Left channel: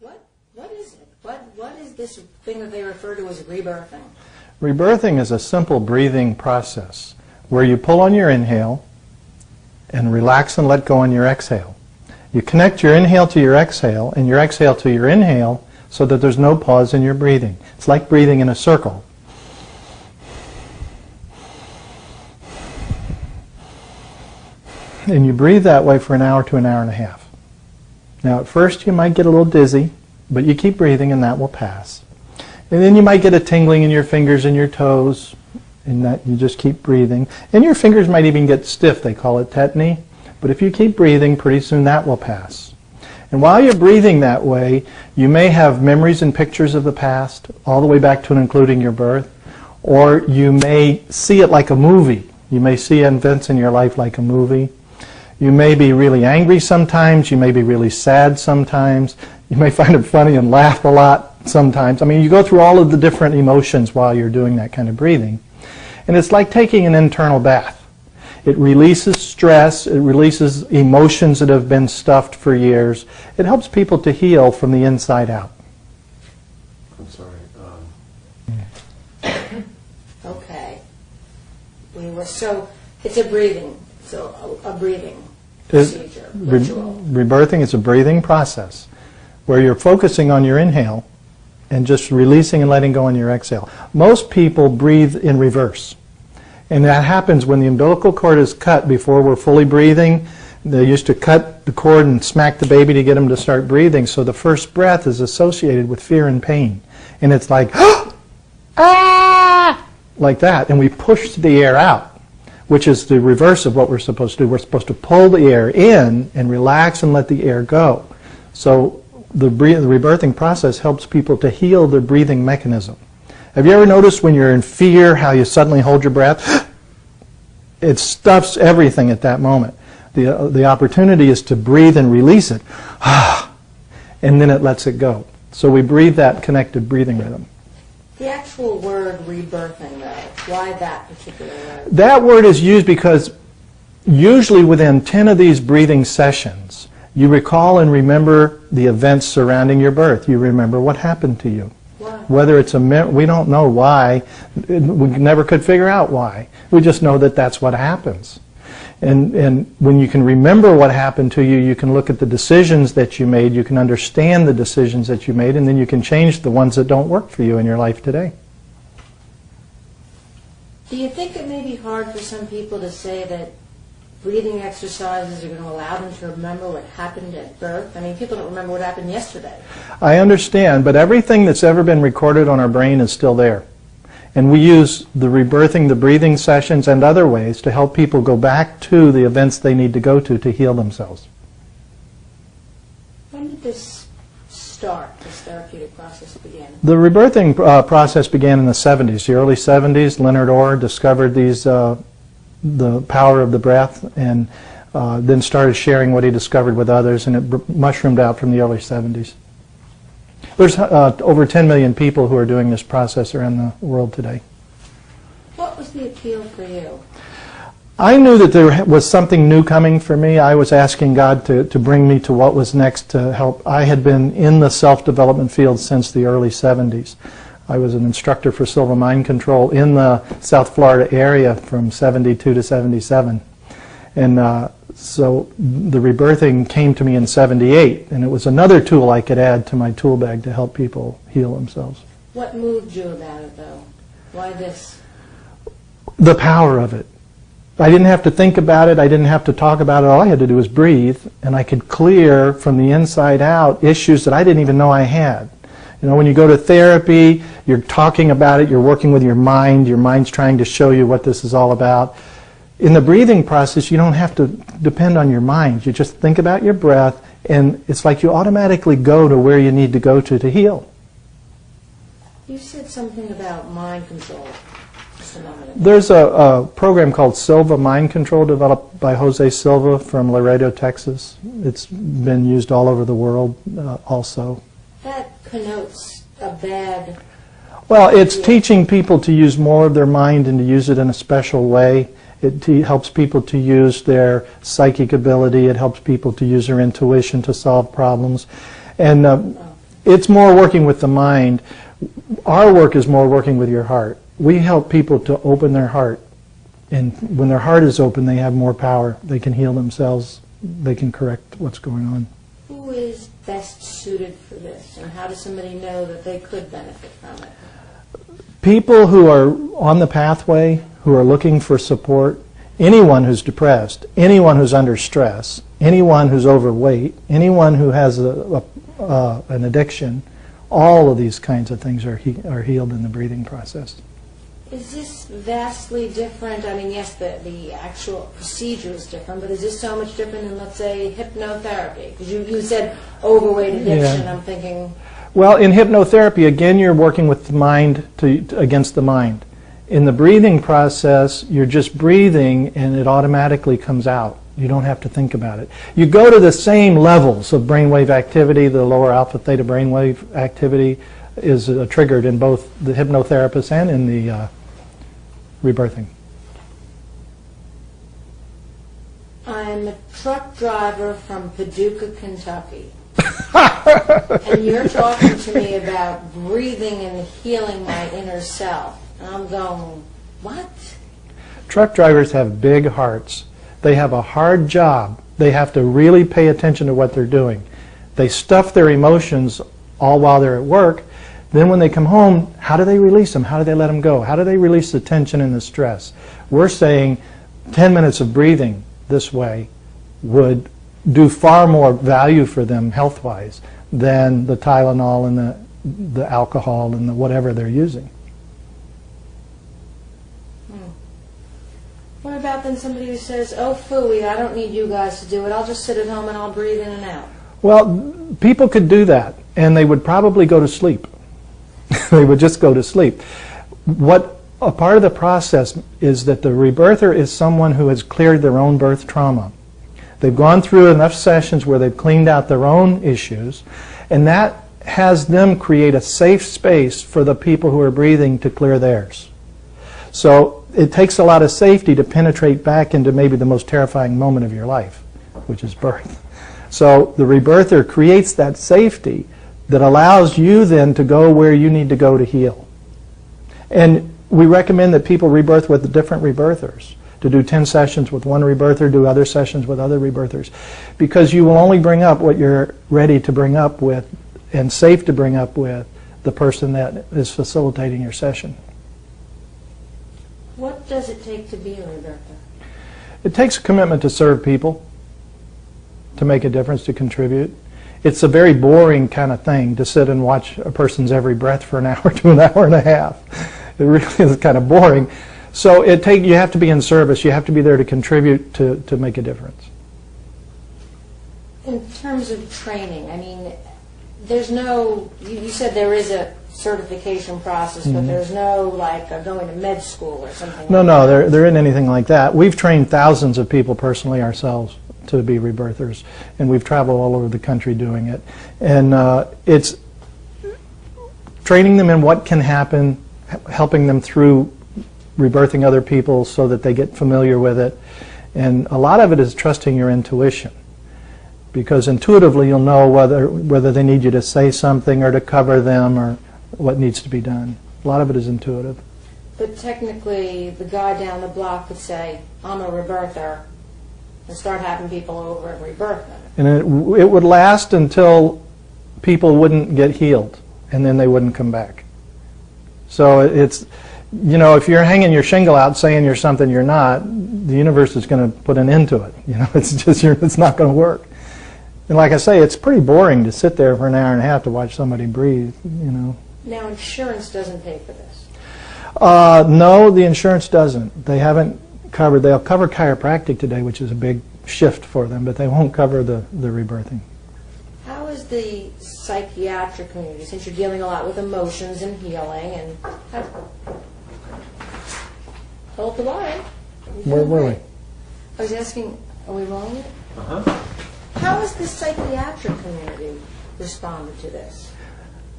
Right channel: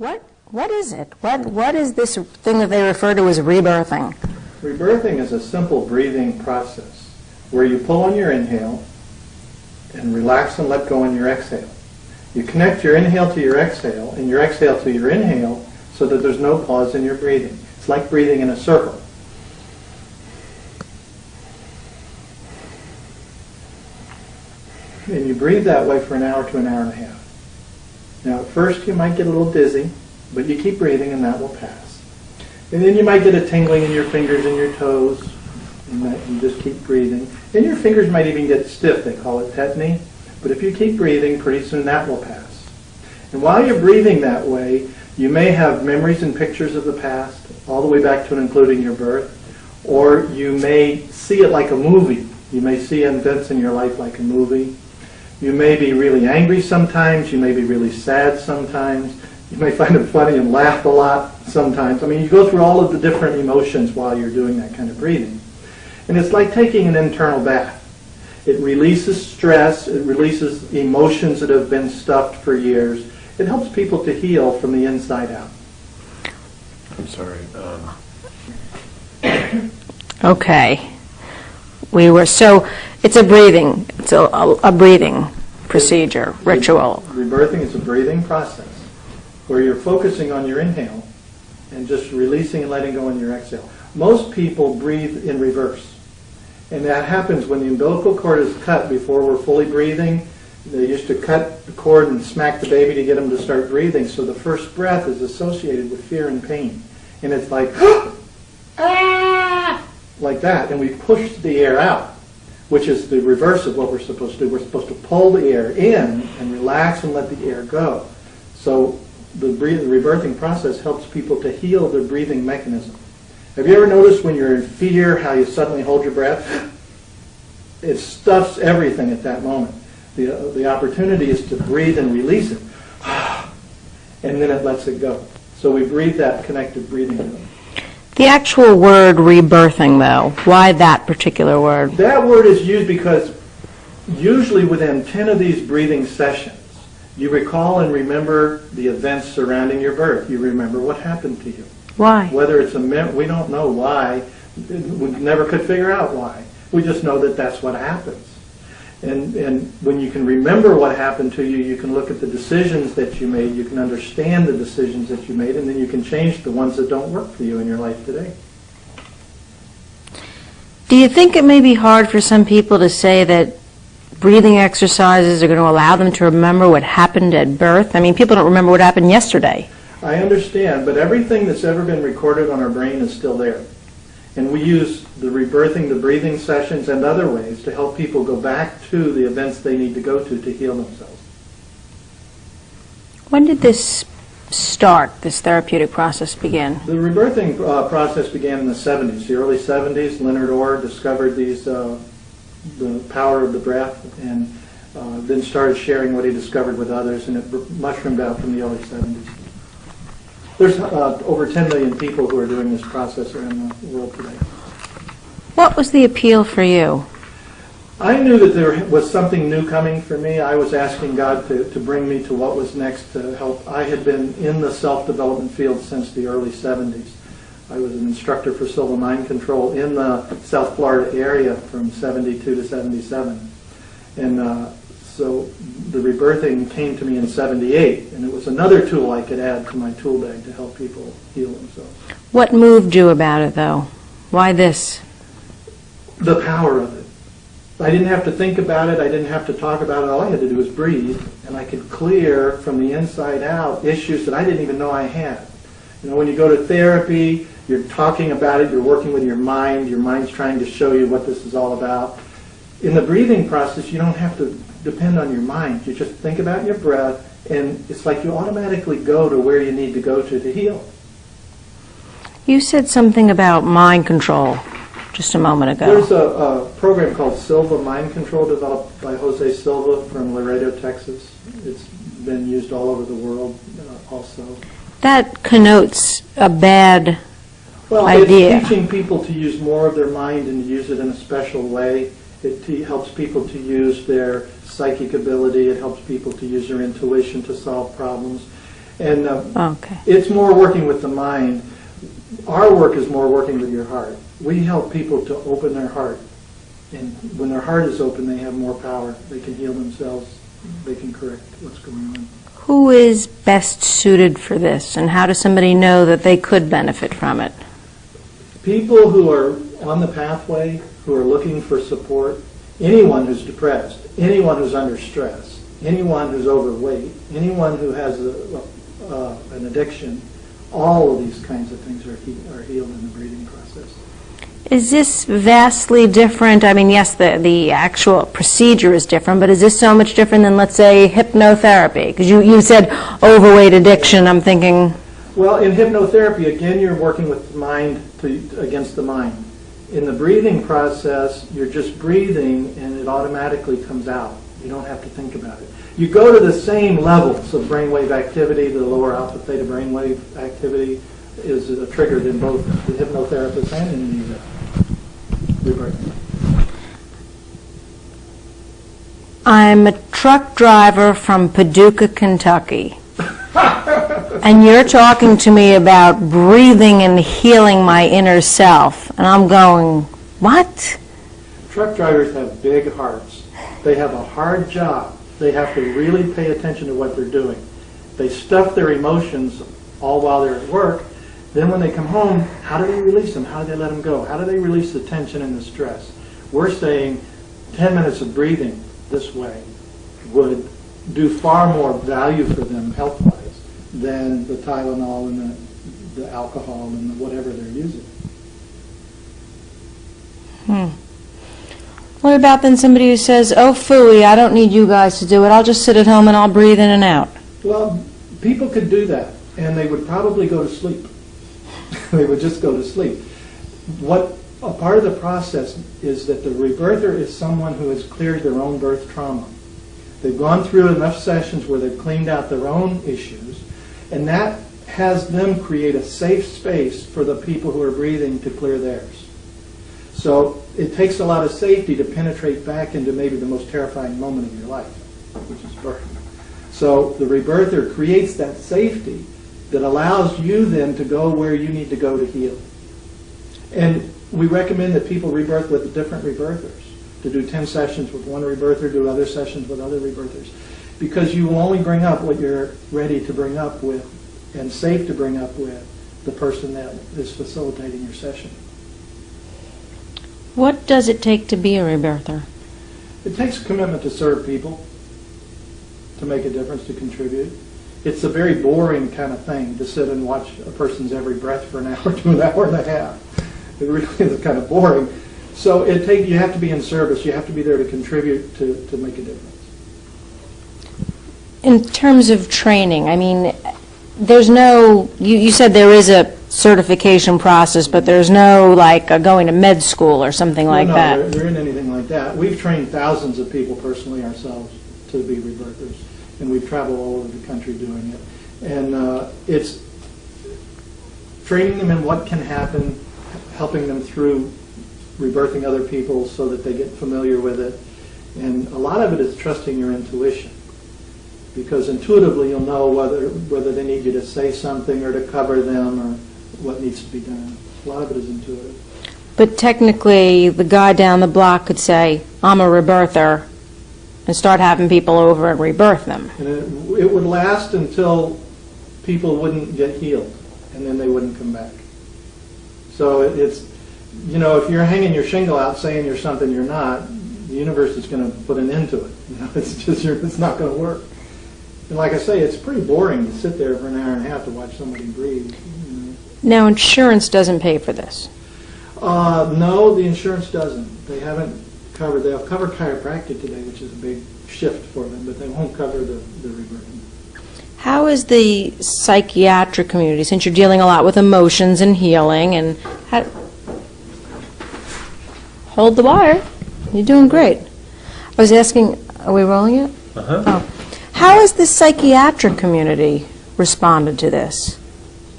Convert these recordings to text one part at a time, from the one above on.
What is it? What is this thing that they refer to as rebirthing? Rebirthing is a simple breathing process where you pull on your inhale and relax and let go on your exhale. You connect your inhale to your exhale and your exhale to your inhale so that there's no pause in your breathing. It's like breathing in a circle. And you breathe that way for an hour to an hour and a half. Now at first you might get a little dizzy, but you keep breathing and that will pass. And then you might get a tingling in your fingers and your toes, and you just keep breathing. And your fingers might even get stiff, they call it tetany. But if you keep breathing, pretty soon that will pass. And while you're breathing that way, you may have memories and pictures of the past, all the way back to and including your birth, or you may see it like a movie. You may see events in your life like a movie. You may be really angry sometimes, you may be really sad sometimes, you may find it funny and laugh a lot sometimes. I mean, you go through all of the different emotions while you're doing that kind of breathing. And it's like taking an internal bath. It releases stress, it releases emotions that have been stuffed for years. It helps people to heal from the inside out. I'm sorry. Okay. So it's a breathing. It's a breathing procedure, ritual. Rebirthing is a breathing process where you're focusing on your inhale and just releasing and letting go on your exhale. Most people breathe in reverse. And that happens when the umbilical cord is cut before we're fully breathing. They used to cut the cord and smack the baby to get them to start breathing. So the first breath is associated with fear and pain. And it's like, ah, like that. And we push the air out, which is the reverse of what we're supposed to do. We're supposed to pull the air in and relax and let the air go. So the rebirthing process helps people to heal their breathing mechanism. Have you ever noticed when you're in fear how you suddenly hold your breath? It stuffs everything at that moment. The opportunity is to breathe and release it, and then it lets it go. So we breathe that connected breathing rhythm. The actual word rebirthing, though, why that particular word? That word is used because usually within 10 of these breathing sessions, you recall and remember the events surrounding your birth. You remember what happened to you. Why? Whether it's we don't know why. We never could figure out why. We just know that that's what happens. And when you can remember what happened to you, you can look at the decisions that you made, you can understand the decisions that you made, and then you can change the ones that don't work for you in your life today. Do you think it may be hard for some people to say that breathing exercises are going to allow them to remember what happened at birth? I mean, people don't remember what happened yesterday. I understand, but everything that's ever been recorded on our brain is still there. And we use the rebirthing, the breathing sessions, and other ways to help people go back to the events they need to go to heal themselves. When did this start, this therapeutic process begin? The rebirthing process began in the 70s, the early 70s. Leonard Orr discovered the power of the breath, and then started sharing what he discovered with others, and it mushroomed out from the early 70s. There's over 10 million people who are doing this process around the world today. What was the appeal for you? I knew that there was something new coming for me. I was asking God to bring me to what was next to help. I had been in the self-development field since the early 70s. I was an instructor for silver mind control in the South Florida area from 72 to 77. And so the rebirthing came to me in 78, and it was another tool I could add to my tool bag to help people heal themselves. What moved you about it, though? Why this? The power of it. I didn't have to think about it. I didn't have to talk about it. All I had to do was breathe, and I could clear from the inside out issues that I didn't even know I had. You know, when you go to therapy, you're talking about it, you're working with your mind's trying to show you what this is all about. In the breathing process, you don't have to depend on your mind. You just think about your breath, and it's like you automatically go to where you need to go to heal. You said something about mind control just a moment ago. There's a program called Silva Mind Control developed by Jose Silva from Laredo, Texas. It's been used all over the world also. That connotes a bad Well, idea. It's teaching people to use more of their mind and to use it in a special way. It helps people to use their psychic ability. It helps people to use their intuition to solve problems. And Okay. it's more working with the mind. Our work is more working with your heart. We help people to open their heart. And when their heart is open, they have more power. They can heal themselves. They can correct what's going on. Who is best suited for this, and how does somebody know that they could benefit from it? People who are on the pathway, who are looking for support, anyone who's depressed, anyone who's under stress, anyone who's overweight, anyone who has an addiction, all of these kinds of things are healed in the breathing process. Is this vastly different? I mean, yes, the actual procedure is different, but is this so much different than, let's say, hypnotherapy? Because you said overweight addiction. Yeah. I'm thinking... Well, in hypnotherapy, again, you're working with the mind against the mind. In the breathing process, you're just breathing and it automatically comes out. You don't have to think about it. You go to the same levels of brainwave activity. The lower alpha theta brainwave activity is triggered in both the hypnotherapist and in the rebirthing. I'm a truck driver from Paducah, Kentucky. And you're talking to me about breathing and healing my inner self. And I'm going, what? Truck drivers have big hearts. They have a hard job. They have to really pay attention to what they're doing. They stuff their emotions all while they're at work. Then when they come home, how do they release them? How do they let them go? How do they release the tension and the stress? We're saying 10 minutes of breathing this way would do far more value for them health-wise than the Tylenol and the alcohol and the whatever they're using. What about then somebody who says, oh, phooey, I don't need you guys to do it. I'll just sit at home and I'll breathe in and out. Well, people could do that, and they would probably go to sleep. They would just go to sleep. What a part of the process is that the rebirther is someone who has cleared their own birth trauma. They've gone through enough sessions where they've cleaned out their own issues, and that has them create a safe space for the people who are breathing to clear theirs. So it takes a lot of safety to penetrate back into maybe the most terrifying moment of your life, which is birth. So the rebirther creates that safety that allows you then to go where you need to go to heal. And we recommend that people rebirth with different rebirthers, to do 10 sessions with one rebirther, do other sessions with other rebirthers, because you will only bring up what you're ready to bring up with and safe to bring up with the person that is facilitating your session. What does it take to be a rebirther? It takes a commitment to serve people, to make a difference, to contribute. It's a very boring kind of thing to sit and watch a person's every breath for an hour to an hour and a half. It really is kind of boring. So you have to be in service. You have to be there to contribute to make a difference. In terms of training, I mean, there's no, you said there is a certification process, but there's no like going to med school or something like that. No, there isn't anything like that. We've trained thousands of people personally ourselves to be rebirthers, and we've traveled all over the country doing it. And it's training them in what can happen, helping them through rebirthing other people so that they get familiar with it. And a lot of it is trusting your intuition, because intuitively you'll know whether they need you to say something or to cover them or what needs to be done. A lot of it is intuitive. But technically, the guy down the block could say, I'm a rebirther, and start having people over and rebirth them. And it would last until people wouldn't get healed, and then they wouldn't come back. So it's, you know, if you're hanging your shingle out saying you're something you're not, the universe is going to put an end to it. You know, it's just, it's not going to work. And like I say, it's pretty boring to sit there for an hour and a half to watch somebody breathe, you know. Now, insurance doesn't pay for this. No, the insurance doesn't. They haven't covered. They'll cover chiropractic today, which is a big shift for them, but they won't cover the rebirthing. How is the psychiatric community, since you're dealing a lot with emotions and healing, and hold the wire. You're doing great. I was asking, are we rolling it? Oh. How has the psychiatric community responded to this?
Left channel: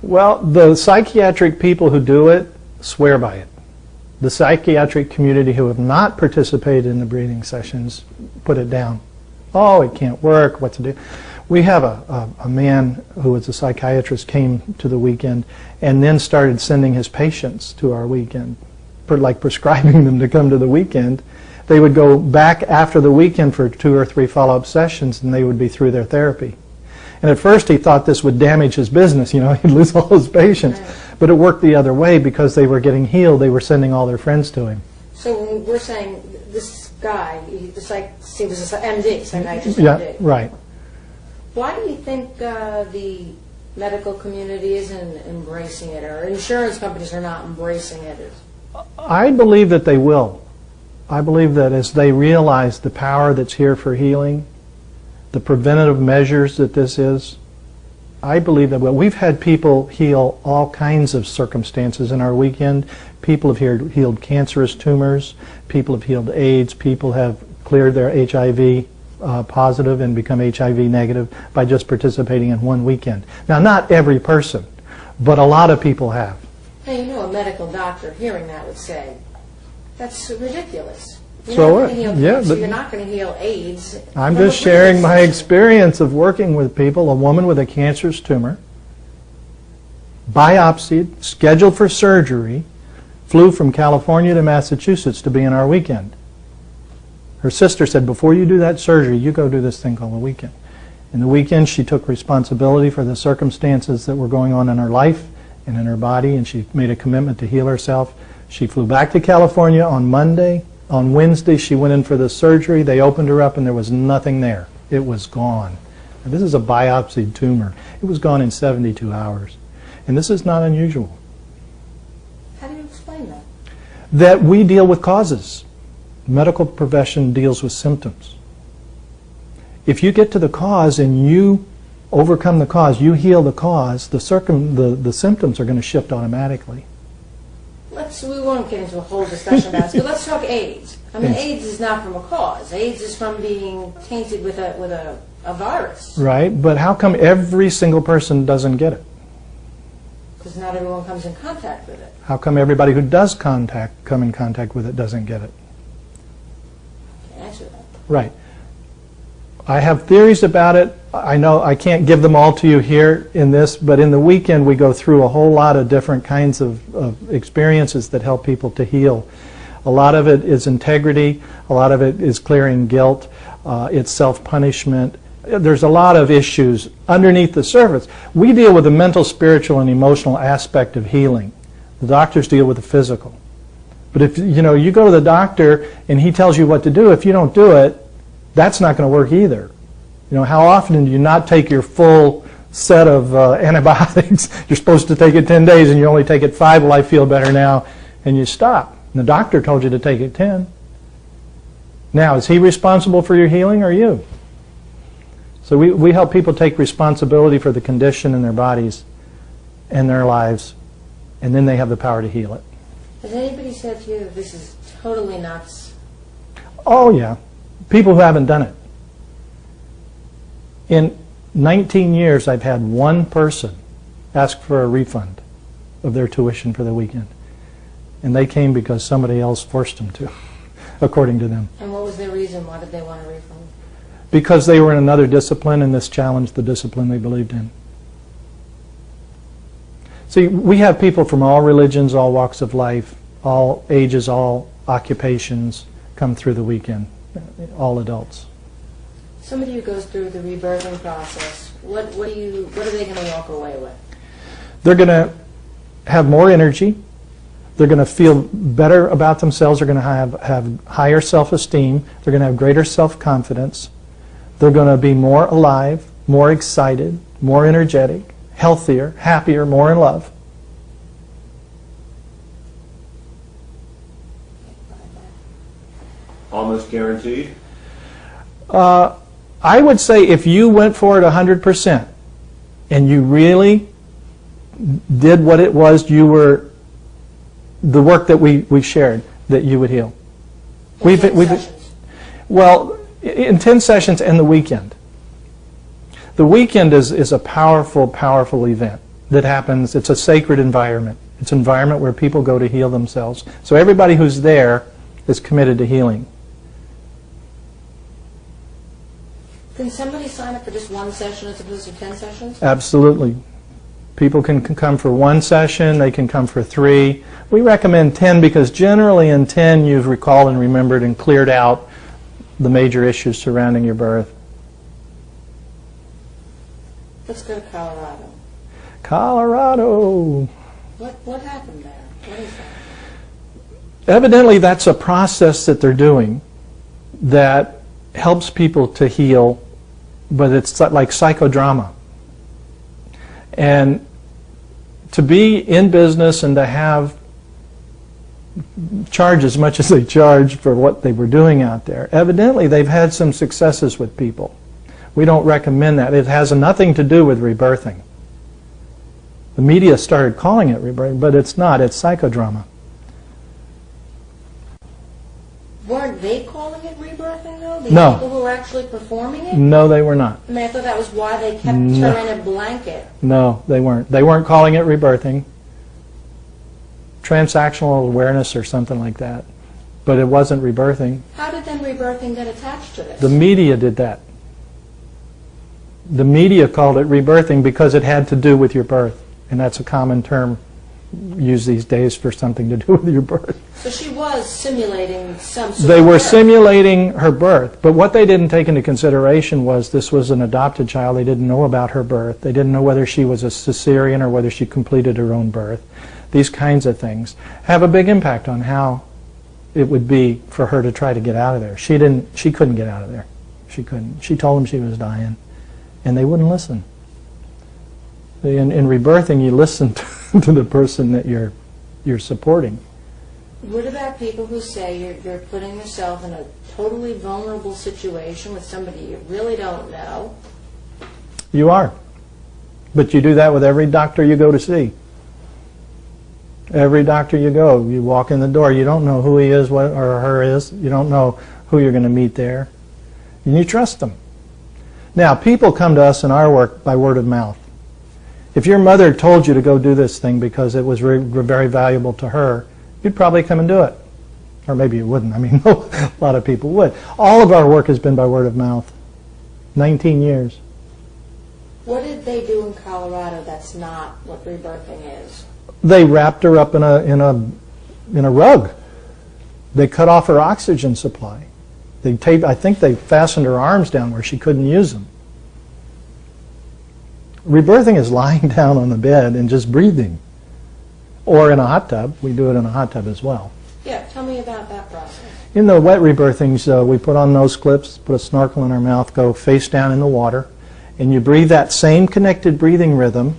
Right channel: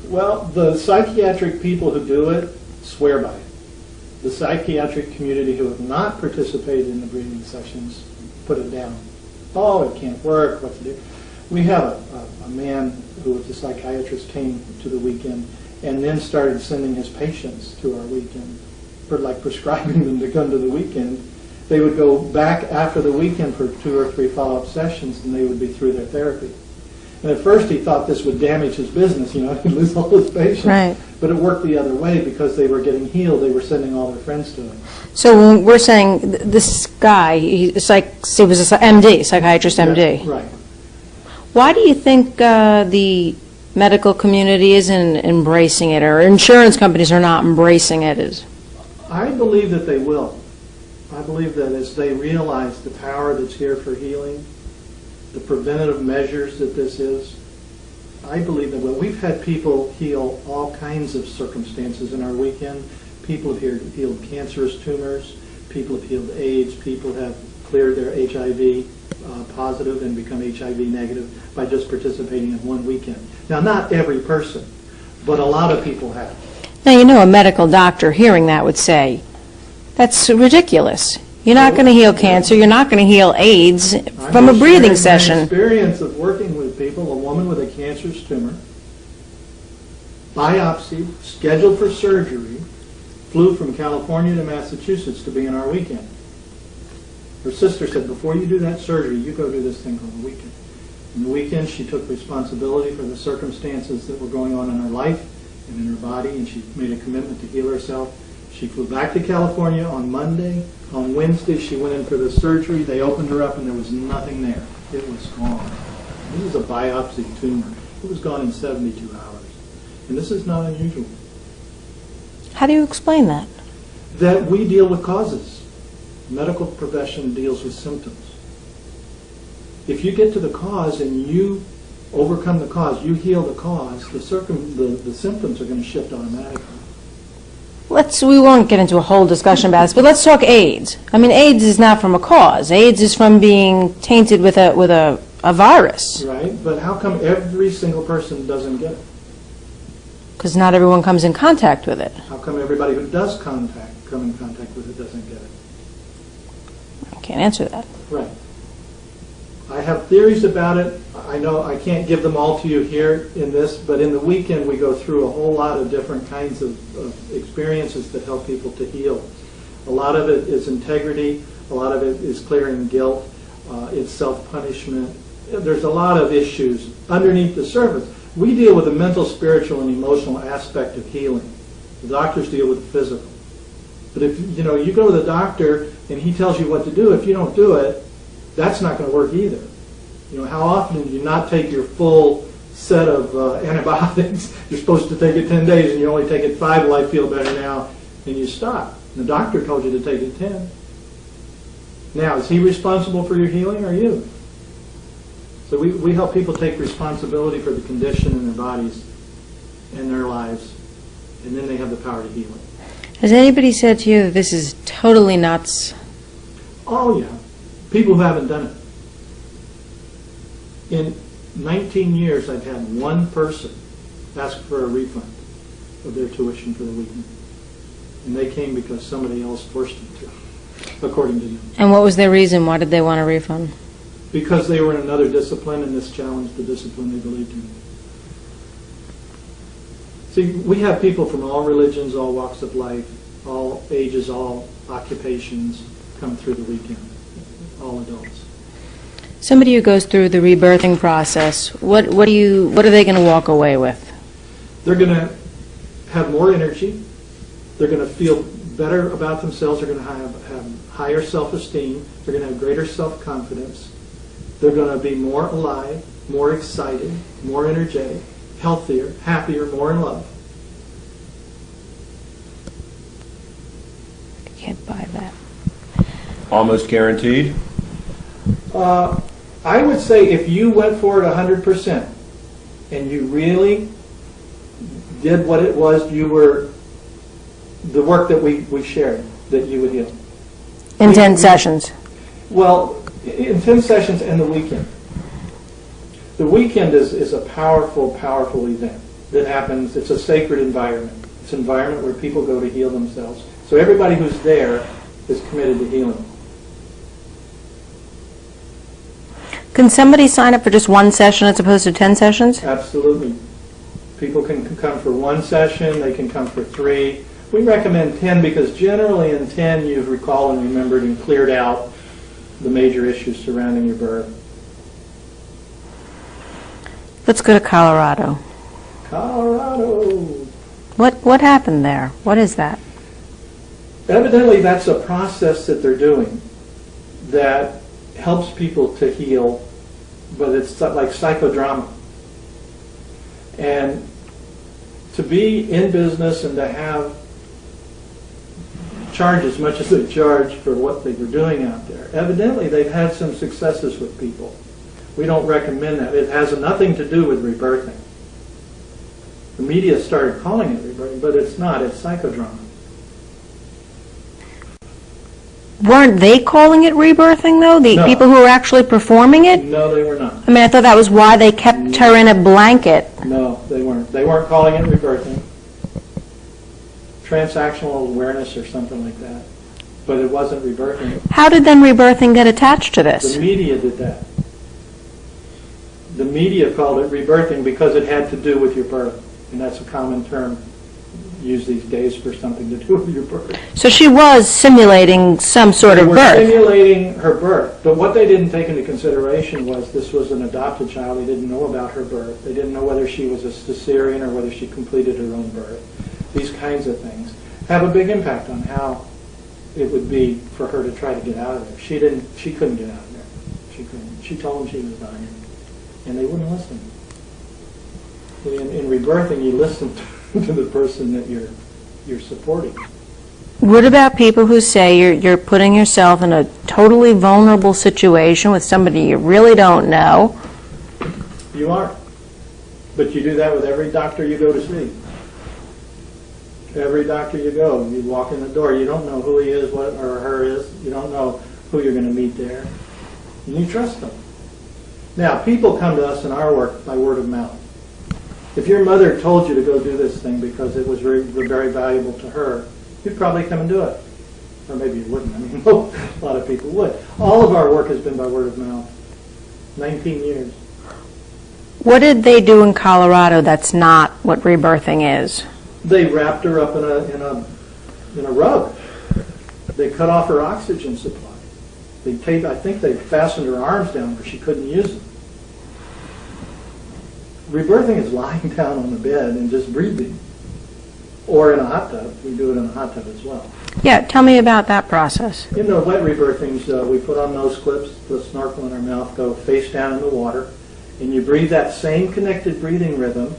Well, the psychiatric people who do it swear by it. The psychiatric community who have not participated in the breathing sessions put it down. Oh, it can't work, what to do? We have a man who was a psychiatrist came to the weekend and then started sending his patients to our weekend, like prescribing them to come to the weekend. They would go back after the weekend for 2 or 3 follow-up sessions, and they would be through their therapy. And at first he thought this would damage his business, you know, he'd lose all his patients. Right. But it worked the other way because they were getting healed. They were sending all their friends to him. So when we're saying this guy, he was an MD, psychiatrist MD. Yeah, right. Why do you think the medical community isn't embracing it, or insurance companies are not embracing it? I believe that they will. I believe that as they realize the power that's here for healing, the preventative measures that this is, I believe that we've had people heal all kinds of circumstances in our weekend. People have healed cancerous tumors, people have healed AIDS, people have cleared their HIV positive and become HIV negative by just participating in one weekend. Now, not every person, but a lot of people have. Now, you know, a medical doctor hearing that would say, that's ridiculous. You're not So going to heal yeah, cancer. but You're not going to heal AIDS I'm from a just breathing sharing session. my experience of working with people, a woman with a cancerous tumor, biopsied, scheduled for surgery, flew from California to Massachusetts to be in our weekend. Her sister said, before you do that surgery, you go do this thing called a weekend. In the weekend, she took responsibility for the circumstances that were going on in her life and in her body, and she made a commitment to heal herself. She flew back to California on Monday. On Wednesday, she went in for the surgery. They opened her up, and there was nothing there. It was gone. This is a biopsied tumor. It was gone in 72 hours. And this is not unusual. How do you explain that? That we deal with causes. The medical profession deals with symptoms. If you get to the cause and you overcome the cause, you heal the cause, the symptoms are going to shift automatically. We won't get into a whole discussion about this, but let's talk AIDS. I mean, AIDS is not from a cause. AIDS is from being tainted with a virus. Right, but how come every single person doesn't get it? Because not everyone comes in contact with it. How come everybody who does come in contact with it doesn't get it? I can't answer that. Right. I have theories about it. I know I can't give them all to you here in this, but in the weekend we go through a whole lot of different kinds of experiences that help people to heal. A lot of it is integrity. A lot of it is clearing guilt. It's self-punishment. There's a lot of issues underneath the surface. We deal with the mental, spiritual, and emotional aspect of healing. The doctors deal with the physical. But if you go to the doctor and he tells you what to do, if you don't do it, that's not going to work either. How often do you not take your full set of antibiotics? You're supposed to take it 10 days and you only take it 5. Well, I feel better now, and you stop. And the doctor told you to take it 10. Now, is he responsible for your healing or you? So we help people take responsibility for the condition in their bodies and their lives, and then they have the power to heal it. Has anybody said to you that this is totally nuts? Oh, yeah. People who haven't done it. In 19 years, I've had one person ask for a refund of their tuition for the weekend. And they came because somebody else forced them to, according to them. And what was their reason? Why did they want a refund? Because they were in another discipline, and this challenged the discipline they believed in. See, we have people from all religions, all walks of life, all ages, all occupations come through the weekend, all adults. Somebody who goes through the rebirthing process, what are they going to walk away with? They're going to have more energy. They're going to feel better about themselves. They're going to have higher self-esteem. They're going to have greater self-confidence. They're going to be more alive, more excited, more energetic, healthier, happier, more in love. I can't buy that. Almost guaranteed? I would say if you went for it 100% and you really did what it was, the work that we shared, that you would heal. In 10 sessions? Well, in 10 sessions and the weekend. The weekend is a powerful, powerful event that happens. It's a sacred environment. It's an environment where people go to heal themselves. So everybody who's there is committed to healing. Can somebody sign up for just one session as opposed to 10 sessions? Absolutely. People can come for one session, they can come for 3. We recommend 10 because generally in 10 you've recalled and remembered and cleared out the major issues surrounding your birth. Let's go to Colorado. Colorado. What happened there? What is that? Evidently that's a process that they're doing that helps people to heal, but it's like psychodrama. And to be in business and to have charge as much as they charge for what they were doing out there, evidently they've had some successes with people. We don't recommend that. It has nothing to do with rebirthing. The media started calling it rebirthing, but it's not. It's psychodrama. Weren't they calling it rebirthing, though? The No. people who were actually performing it? No, they were not. I mean, I thought that was why they kept her in a blanket. No, they weren't. They weren't calling it rebirthing. Transactional awareness or something like that. But it wasn't rebirthing. How did then rebirthing get attached to this? The media did that. The media called it rebirthing because it had to do with your birth. And that's a common term used these days for something to do with your birth. So she was simulating some sort They of were birth. simulating her birth, but what they didn't take into consideration was this was an adopted child. They didn't know about her birth. They didn't know whether she was a cesarean or whether she completed her own birth. These kinds of things have a big impact on how it would be for her to try to get out of there. She couldn't get out of there. She couldn't. She told them she was dying, and they wouldn't listen. In rebirthing, you listen to the person that you're supporting. What about people who say you're putting yourself in a totally vulnerable situation with somebody you really don't know? You are. But you do that with every doctor you go to see. Every doctor you go, you walk in the door, you don't know who he is or her is. You don't know who you're going to meet there. And you trust them. Now, people come to us in our work by word of mouth. If your mother told you to go do this thing because it was very valuable to her, you'd probably come and do it. Or maybe you wouldn't. I mean, a lot of people would. All of our work has been by word of mouth. 19 years. What did they do in Colorado that's not what rebirthing is? They wrapped her up in a rug. They cut off her oxygen supply. I think they fastened her arms down where she couldn't use them. Rebirthing is lying down on the bed and just breathing. Or in a hot tub. We do it in a hot tub as well. Yeah, tell me about that process. In the wet rebirthings, we put on nose clips, put a snorkel in our mouth, go face down in the water, and you breathe that same connected breathing rhythm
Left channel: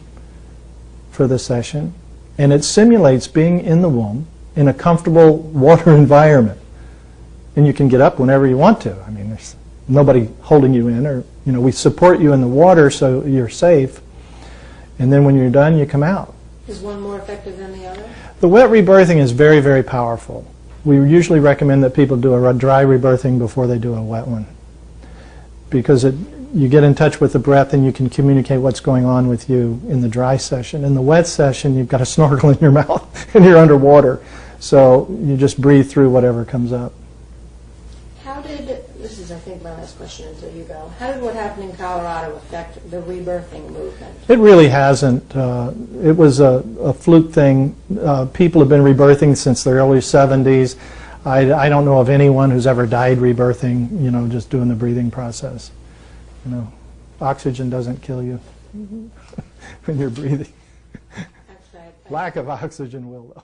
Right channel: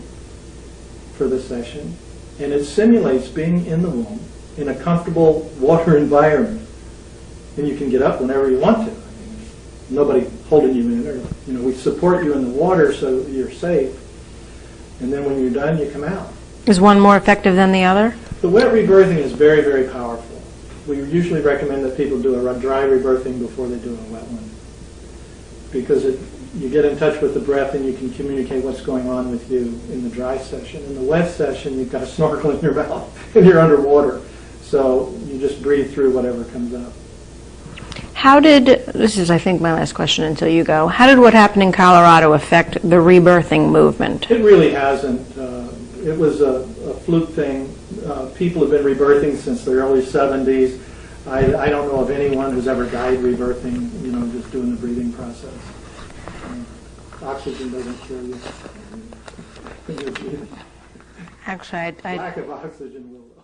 for the session, and it simulates being in the womb in a comfortable water environment. And you can get up whenever you want to. I mean, there's nobody holding you in, or we support you in the water so you're safe. And then when you're done, you come out. Is one more effective than the other? The wet rebirthing is very, very powerful. We usually recommend that people do a dry rebirthing before they do a wet one, because you get in touch with the breath and you can communicate what's going on with you in the dry session. In the wet session, you've got a snorkel in your mouth and you're underwater, so you just breathe through whatever comes up. This is, I think, my last question until you go. How did what happened in Colorado affect the rebirthing movement? It really hasn't. It was a fluke thing. People have been rebirthing since the early 70s. I don't know of anyone who's ever died rebirthing, just doing the breathing process. Oxygen doesn't kill you when you're breathing. Actually, Lack of oxygen will, though.